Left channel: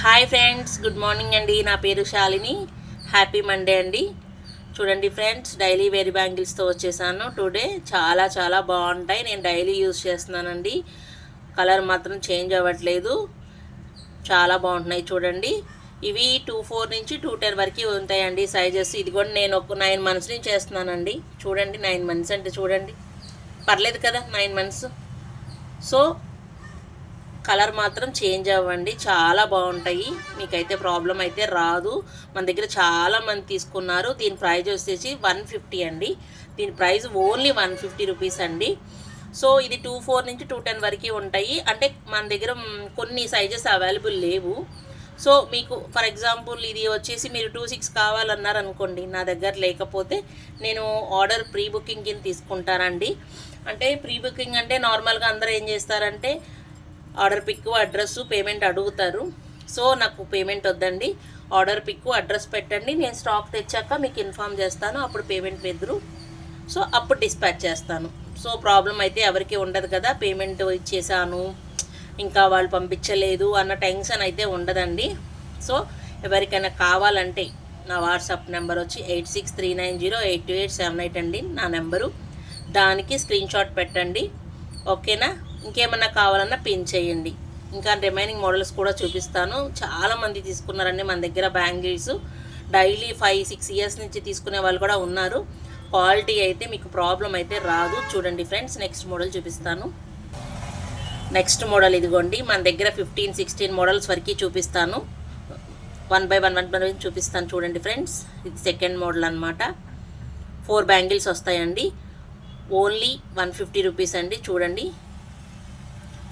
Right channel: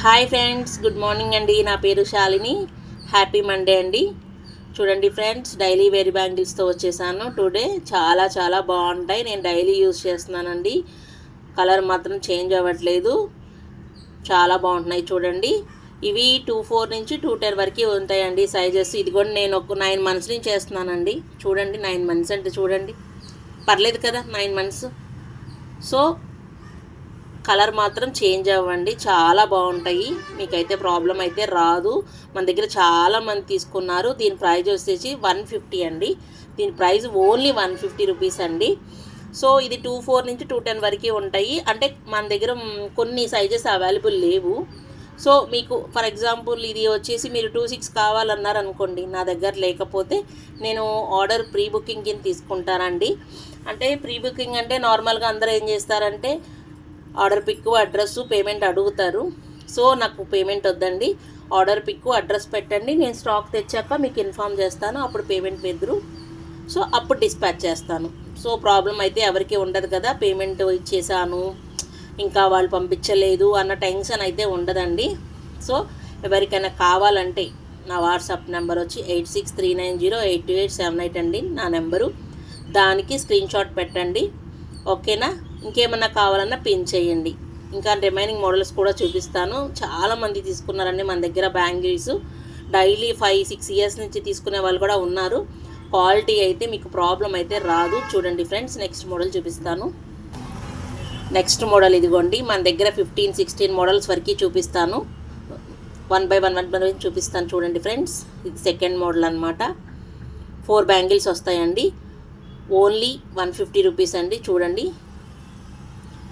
Hi friends, good morning అండి. నా పేరు శాలిని. హ్యాపీ మండే అండి. చూడండి ఫ్రెండ్స్, డైలీ వేర్ బ్యాంగిల్స్తో వచ్చేసాను టుడే. చాలా చాలా బాగుంటాయి. నేను డైలీ యూజ్ చేస్తున్నానండి. కలర్ మాత్రం చేంజ్ అవ్వట్లేదు. చాలా బాగుంటున్నాయి చూడండి. ఇవి 24 నుంచి 210 వరకు ఉంటాయండి సైజెస్. ఇది కూడా నేను ఒక 9 మంత్స్ నుంచి చేస్తున్నానండి. చూడండి, 9 మంత్స్ అంటే చూడండి, పర్లేదు కదా 9 మంత్స్. సో కలర్ మాత్రం చేంజ్ అవ్వండి, చాలా బాగుంటాయి. మీకైతే ప్రాబ్లం అయితే రాదు. మన దగ్గర చాలామంది తీసుకున్నారు. దీని ప్రైస్ వచ్చేసి 150 అండి. దీని ప్రైస్ ఓన్లీ 150 రూపీస్ అండి. సో ఇది 24 నుంచి 210 వరకు ఉంటాయి. అంటే మన దగ్గర కొన్ని సైజెస్ అవైలబుల్ లేవు. సో మీకు ఫర్ ఎగ్జాంపుల్ ఇది వచ్చేసి మీరు 26 కావాలన్నారు అనుకోండి, నా దగ్గర లేకపోతే నేను ఆర్డర్ ప్రీ బుకింగ్ కింద తీసుకుంటానండి. అంటే ప్రీ బుకింగ్ అంటే నార్మల్గా అందరూ ఏం చేస్తారంటే ఆర్డర్ పిక్, అడ్రస్, పేమెంట్ అడుగుతారు. సో నాకు పేమెంట్ వద్దండి, ఆర్డర్ పిక్, అడ్రస్ పెట్టండి. నేను స్టాక్ తెచ్చాక మీకు ఇన్ఫామ్ చేస్తాను. అప్పుడు పేమెంట్ వెదురు. సో అప్పుడు డిస్పాచ్ చేస్తాను. సో ప్రాబ్లం అయితే ఎవరికి ఉండదు కదా. పేమెంట్ ఇచ్చేసాను, ఇంకా వాళ్ళు పంపించలేదు అన్న టెన్షన్ అయితే ఉండదండి. సో ఎవరికైనా కావాలంటే నా వాట్సాప్ నెంబర్ వచ్చి 8639082878 అండి నా నెంబరు. దానికి స్క్రీన్ షాట్ పెట్టండి, ఓకేనా. ఇంకేమన్నా కావాలన్నా పిన్ చేయండి. ఇంకా రిమైనింగ్ మోడల్స్ కూడా చూపిస్తాను. చాలామంది తీసుకున్నారండి మన దగ్గర బ్యాంగిల్స్. డైలీ 5-6 ఇయర్స్ నుంచి తీసుకునే వాళ్ళు కూడా ఉన్నారు. క్వాలిటీ అయితే మీకు ప్రాబ్లం అయితే రాదు. చూడండి ఫ్రెండ్స్, నెక్స్ట్ మోడల్ చూపిస్తాను. నెక్స్ట్ మోడల్ ఇదిగోండి. మన దగ్గర 15-16 మోడల్స్ వరకు చూపిస్తాను. 1 by 1 చూపిస్తాను. చూడండి ఫ్రెండ్స్, ఇది సెకండ్ మోడల్ అనమాట. 4 బ్యాంగిల్స్ వస్తాయండి. ఓన్లీ 150 రూపీస్ అండి. చూడండి,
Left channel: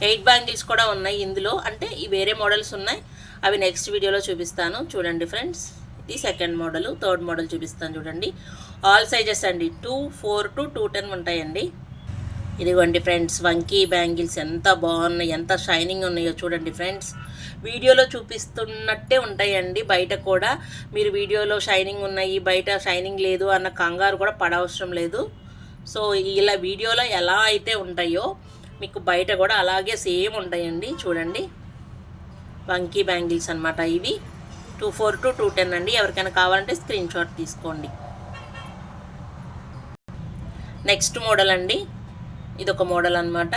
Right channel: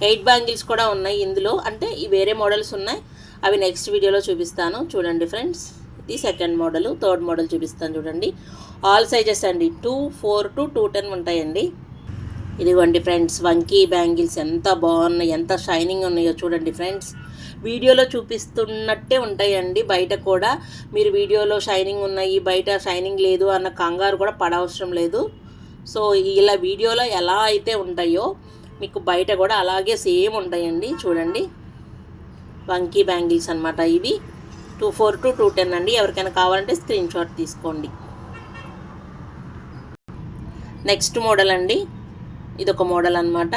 8 బ్యాంగిల్స్ కూడా ఉన్నాయి ఇందులో. అంటే ఈ వేరే మోడల్స్ ఉన్నాయి, అవి నెక్స్ట్ వీడియోలో చూపిస్తాను. చూడండి ఫ్రెండ్స్, ఇది సెకండ్ మోడల్. థర్డ్ మోడల్ చూపిస్తాను. చూడండి, ఆల్ సైజెస్ అండి. 24 to 210 ఉంటాయండి. ఇదిగోండి ఫ్రెండ్స్, వంకీ బ్యాంగిల్స్ ఎంత బాగున్నాయి, ఎంత షైనింగ్ ఉన్నాయో చూడండి ఫ్రెండ్స్. వీడియోలో చూపిస్తున్నట్టే ఉంటాయండి. బయట కూడా మీరు వీడియోలో షైనింగ్ ఉన్నాయి, బయట షైనింగ్ లేదు అన్న కంగారు కూడా పడవసరం లేదు. సో ఇలా వీడియోలో ఎలా అయితే ఉంటాయో మీకు బయట కూడా అలాగే సేమ్ ఉంటాయండి. చూడండి, వంకీ బ్యాంగిల్స్ అనమాట ఇవి. 24 to 210 అండి. ఎవరికైనా కావాలంటే స్క్రీన్ షాట్ తీసుకోండి. నెక్స్ట్ మోడల్ అండి, ఇదొక మోడల్ అనమాట.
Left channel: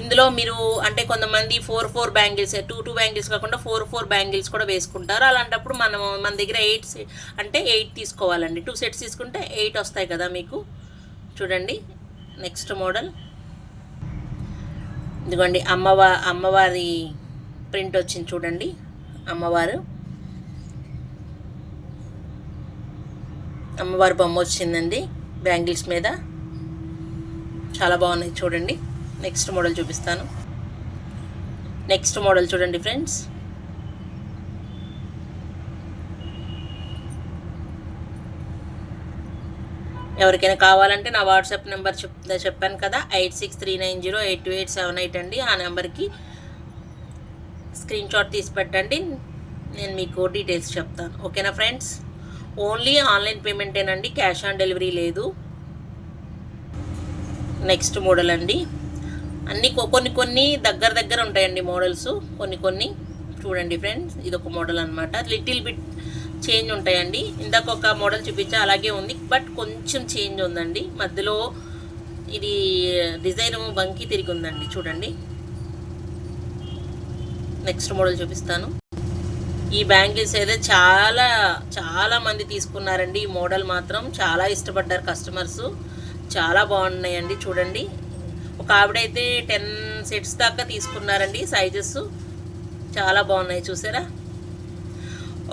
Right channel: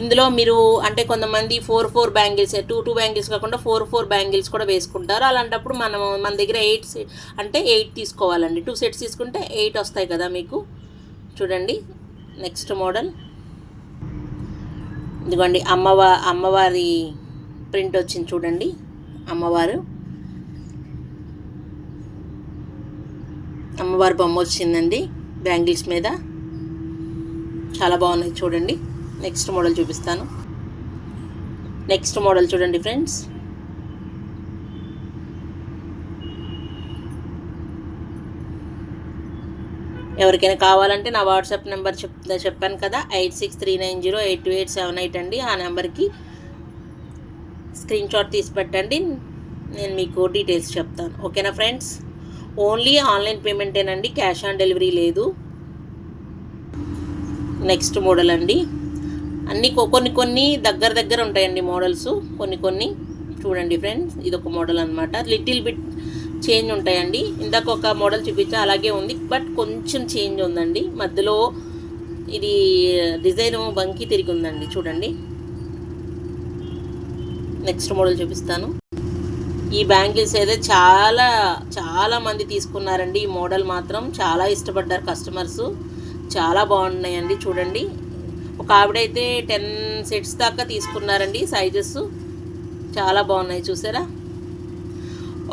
ఇందులో మీరు అంటే కొంతమంది 4 బ్యాంగిల్స్, 2 బ్యాంగిల్స్ కాకుండా 4 బ్యాంగిల్స్ కూడా వేసుకుంటారు. అలాంటప్పుడు మన దగ్గర 8 తీసుకోవాలండి. 2 సెట్స్ తీసుకుంటే 8 వస్తాయి కదా మీకు. చూడండి, నెక్స్ట్ మోడల్ ఇదిగోండి. అమ్మవారి ప్రింట్ వచ్చింది చూడండి. అమ్మవారి బొమ్మ వచ్చిందండి బ్యాంగిల్స్ మీద. చాలా బాగున్నాయి చూడండి. నెక్స్ట్ మోడల్ చూపిస్తాను. నెక్స్ట్ మోడల్ చూడండి ఫ్రెండ్స్. ఎవరికైనా కావాలంటే నా వాట్సాప్ నెంబర్ చెప్పాను కదా, 8639082878 అండి. ఆ నెంబర్కి స్క్రీన్ షాట్ తీసి పెట్టండి, నేను మీకు డీటెయిల్స్ చెప్తాను. ఓకేనా ఫ్రెండ్స్. ఓన్లీ ఆన్లైన్ పేమెంటేనండి, క్యాష్ ఆన్ డెలివరీ లేదు. నెక్స్ట్ మోడల్ అండి. అన్నీ కొన్ని దగ్గర ఉంటాయండి మోడల్స్. కొన్ని చూడండి ఫ్రెండ్స్, ఇదొక మోడల్ అనమాట. లిటిల్ బిట్ చేంజ్ ఉంటాయండి. ఇందాక ఒక మోడల్ చూపించా, అలాగే ఉంది, బట్ కొంచెం చేంజ్ ఉందండి. మధ్యలో ఇది డిజైన్ వంకి తిరిగి ఉందండి. చూడండి, నెక్స్ట్ మోడల్ చూపిస్తాను. ఈ బ్యాంగిల్స్ అయితే చాలా మంది తీసుకున్నారండి. ఈ మోడల్ మాత్రం చాలా ఇష్టపడ్డారు కస్టమర్స్. చాలా బాగున్నాయండి. చూడండి, ఒక ఆవిడైతే 10 సెట్స్ దాకా తీసుకున్నారండి. సైజెస్ చాలా బాగున్నాయి, చూసారా.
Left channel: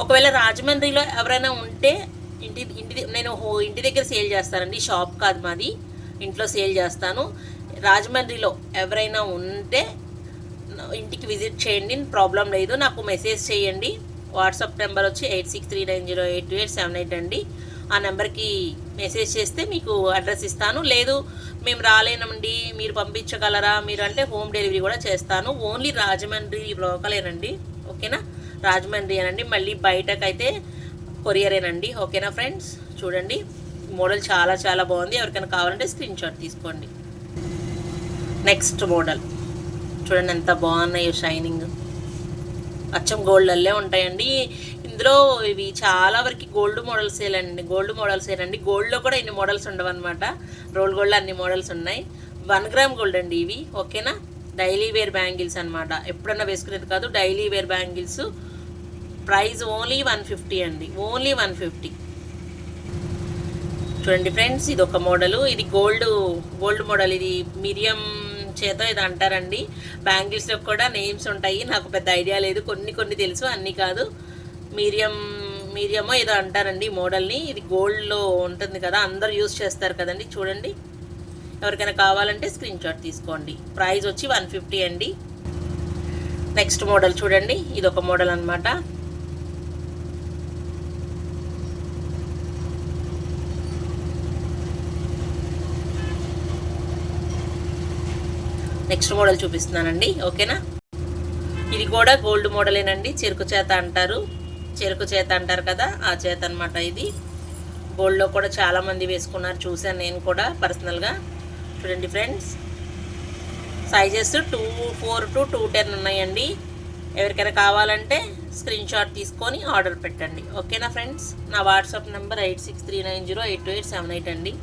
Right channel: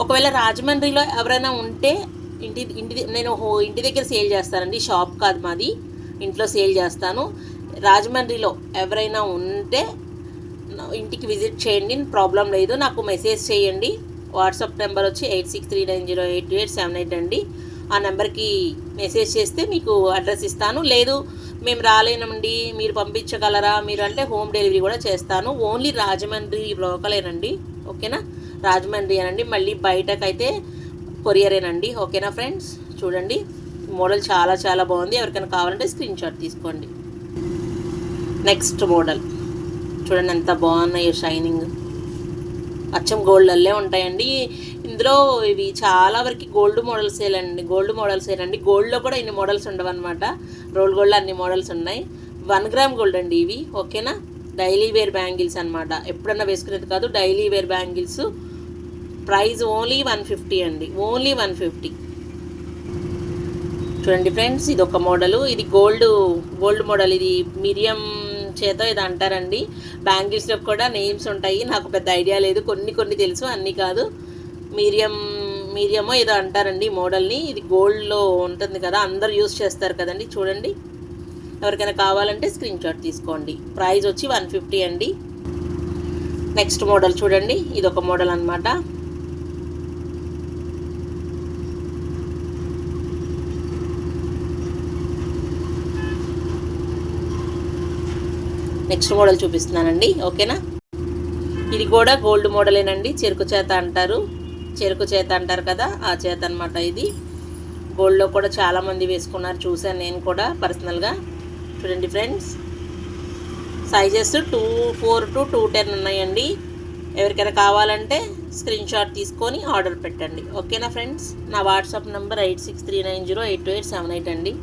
ఒకవేళ రాజమండ్రిలో ఎవరైనా ఉంటే నేను ఇంటి దగ్గర సేల్ చేస్తానండి. షాప్ కాదు మాది, ఇంట్లో సేల్ చేస్తాను. రాజమండ్రిలో ఎవరైనా ఉంటే ఇంటికి విజిట్ చేయండి, ప్రాబ్లం లేదు. నాకు మెసేజ్ చేయండి. వాట్సాప్ నెంబర్ వచ్చి 8639082878 అండి. ఆ నెంబర్కి మెసేజ్ చేస్తే మీకు అడ్రస్ ఇస్తాను. లేదు మేము రాలేనండి, మీరు పంపించగలరా మీరు అంటే హోమ్ డెలివరీ కూడా చేస్తాను. ఓన్లీ రాజమండ్రి లోకలేనండి, ఓకేనా. రాజమండ్రి అనండి, మళ్ళీ బయటకైతే కొరియరేనండి, ఓకేనా ఫ్రెండ్స్. చూడండి, మోడల్ చాలా బాగుంది. ఎవరికైనా కావాలంటే స్క్రీన్ షాట్ తీసుకోండి. నెక్స్ట్ మోడల్ చూడండి ఎంత బాగున్నాయో షైనింగ్, అచ్చం గోల్డల్లే ఉంటాయండి. ఇందులో ఇవి చాలా వరకు గోల్డ్ మోడల్సేనండి. గోల్డ్లో కూడా ఇన్ని మోడల్స్ ఉండవు అనమాట. రోల్ గోల్డ్లో అన్ని మోడల్స్ ఉన్నాయి. 1 గ్రామ్ గోల్డ్ అండి ఇవి. ఓకేనా, డైలీ వేర్ బ్యాంగిల్స్ అనమాట. ఎప్పుడన్నా వేసుకునేది కాదు, daily wear bangles. Price only 150 అండి, ఓన్లీ 150. చూడండి ఫ్రెండ్స్, ఇది ఒక మోడలు. ఇది గోల్డ్ మోడల్. ఇది మిరియం చేత ఇది అంటారండి. బ్యాంగిల్స్లో కూడా నేమ్స్ ఉంటాయి, నాకు పెద్ద ఐడియా లేదు, కొన్ని తెలుసు, అన్నీ కాదు. మీరియమో ఏదో అంటారండి ఈ మోడల్ని. ఇది గోల్డ్లో ఉంటుంది కదా, అందరూ యూజ్ చేస్తారు కదండి. చూడండి, ఎవరికైనా కావాలంటే స్క్రీన్ షాట్ తీసుకోండి. ప్రైస్ వచ్చి 150 అండి. నెక్స్ట్ మోడల్ చూడండి, ఇది ఒక మోడల్ అనమాట. నెక్స్ట్ మోడల్ చూపిస్తున్నానండి. ఓకేనా, ఇది కూడా గోల్డ్ మోడలేనండి. చెరుకు చేత అంటారు కదా, ఆ చేత అనమాట. ఇది గోల్డ్లో కూడా చాలామంది వేసుకున్నారు, చూశాను నేను కూడా పర్సనల్గా. చూడండి ఫ్రెండ్స్, సైజెస్ 2-4 to 210 ఉన్నాయండి. ఎవరికైనా కావాలంటే స్క్రీన్ షాట్ తీసుకొని ఆర్డర్ పెట్టండి. ఓకేనా ఫ్రెండ్స్, నా వాట్సాప్ నెంబర్ 8639082878 అండి.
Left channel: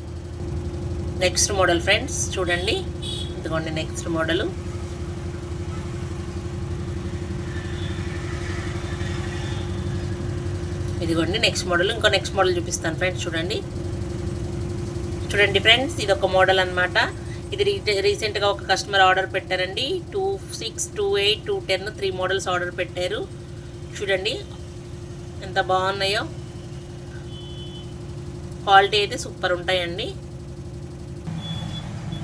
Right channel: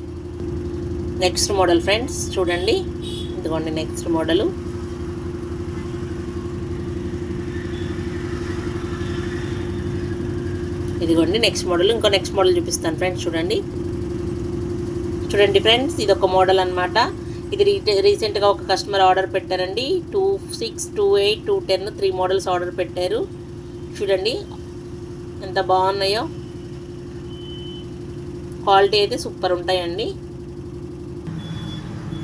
నెక్స్ట్ మోడల్ ఫ్రెండ్స్ చూడండి, ఇదిగోండి నెక్స్ట్ మోడలు. ఇదిగోండి నెక్స్ట్ మోడల్. ఇంకో నెక్స్ట్ మోడల్ చూపిస్తాను ఫ్రెండ్స్. చూడండి ఫ్రెండ్స్, ఇది ఒక మోడల్ అనమాట. ఇది రీసెంట్గా ఒక కస్టమర్ ఆర్డర్ పెట్టారండి. 26, 28, 210 3 మోడల్స్ ఆర్డర్ పెట్టారు. చూడండి ఎంత బాగున్నాయో, క్వాలిటీ అయితే సూపర్ ఉంటాయండి.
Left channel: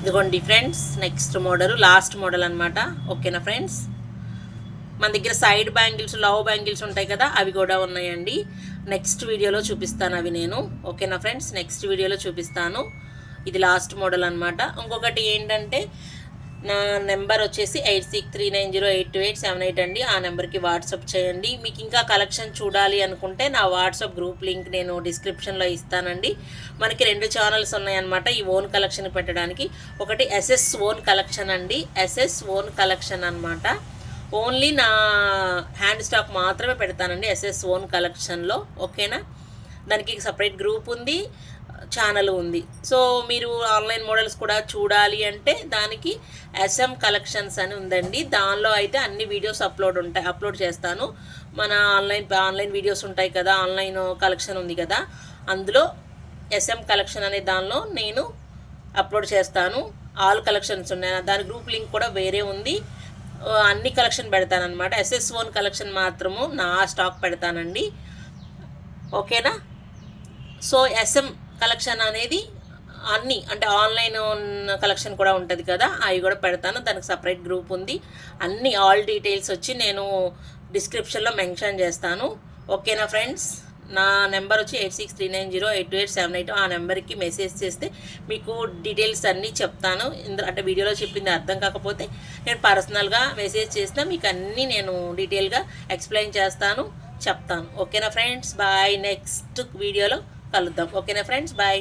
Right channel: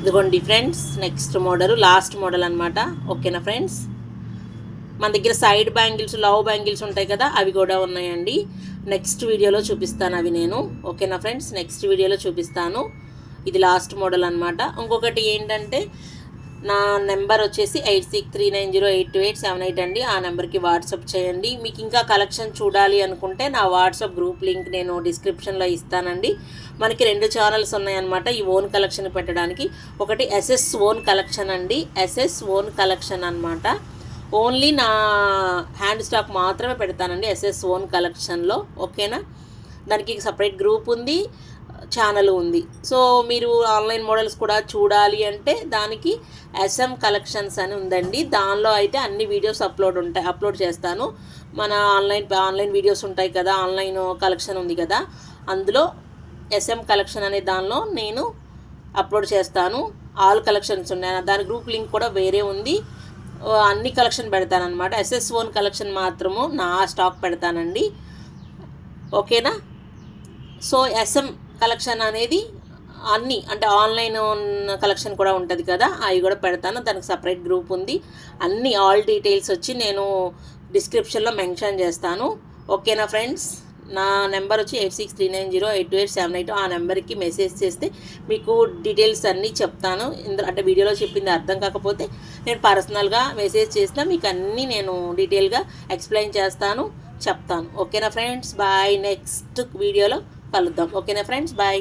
ఇదిగోండి friends next model, last model అనమాట. ఓకేనా ఫ్రెండ్స్, మన దగ్గర సైడ్ బ్యాంగిల్స్, లవ్ బ్యాంగిల్స్ ఉంటాయి కదా, అవి కూడా ఉన్నాయండి. నెక్స్ట్ వీడియోలో చూపిస్తాను అవి నేను. ఓకేనా ఫ్రెండ్స్, నెక్స్ట్ వీడియోలో చూపిస్తాను. ఇది లాస్ట్ మోడల్ అనమాట. ఇంకొకటి ఏంటంటే, నా నెంబర్ వచ్చేసి 8639082878 అండి. ఆ నెంబర్కి వాట్సాప్ చేయండి. మీకు ఇంకా కలెక్షన్ చూడాలి అనుకుంటే నా వాట్సాప్ గ్రూప్ లింక్ నేను డిస్క్రిప్షన్లో ఇస్తానండి. మనకి 2 ఛానల్స్ ఉన్నాయన్నమాట ఈ ఓన్ కలెక్షన్ పెట్టడానికి. ఒకటి SS ఓన్ కలెక్షన్ అండి, SS ఓన్ కలెక్షన్ అనమాట. ఓన్లీ నా హ్యాండ్ స్టాక్ మాత్రమే పెడతానండి SS ఓన్ కలెక్షన్లో. ఓకేనా, దానికి సపరేట్ గ్రూప్ ఉంది, ఛానల్ ఉంది. సో మీరు ఆన్లైన్ మోడల్స్ కూడా చూడాలి అంటే దానికి SM కలెక్షన్స్ అని ఉందండి. దానిలో అయితే అన్ని వీడియోస్ అప్లోడ్ చేస్తాను. మన ఆన్లైన్ వీడియోస్ ఉంటాయి కదా, ఆన్లైన్ కలెక్షన్ ఉంది కదా, అందులో SM కలెక్షన్ అనే దానిలో నేను అప్లోడ్ చేస్తాను. ఆల్ కలెక్షన్స్ ఉన్నాయి, దాని గ్రూప్ లింక్ కూడా వేరే ఉంది. అన్ని కలెక్షన్ పెడతానమాట. SS ఓన్ కలెక్షన్ మాత్రము నా స్టాక్ పెడతానండి. ఓకేనా, సో SM కలెక్షన్ అనేది అన్నీ అంటే ఆన్లైన్ కలెక్షన్ కూడా ఉంటుంది కదా, అవి కూడా పెడతాను. దానికి సపరేట్ గ్రూప్ ఉంది. అన్ని ఆల్ డీటెయిల్స్ వచ్చి నేను డిస్క్రిప్షన్లో మెన్షన్ చేస్తాను. ఓకేనా ఫ్రెండ్స్, నా నెంబర్ వచ్చి 8639082878. ఆ నెంబర్కి మెసేజ్ చేస్తే మీకు డీటెయిల్స్ అన్నీ చెప్తాను. అంటే వీడియోలో చెప్పింది అర్థం కాకపోతే నేను పర్సనల్గా మెసేజ్ చేసినా మీకు అన్నీ నేను డీటెయిల్గా ఎక్స్ప్లెయిన్ చేస్తాను, చెప్తాను. ఓకేనా ఫ్రెండ్స్, బాయ్. నెక్స్ట్ వీడియోలో కలుద్దాం. ఓకేనా ఫ్రెండ్స్, బాయ్.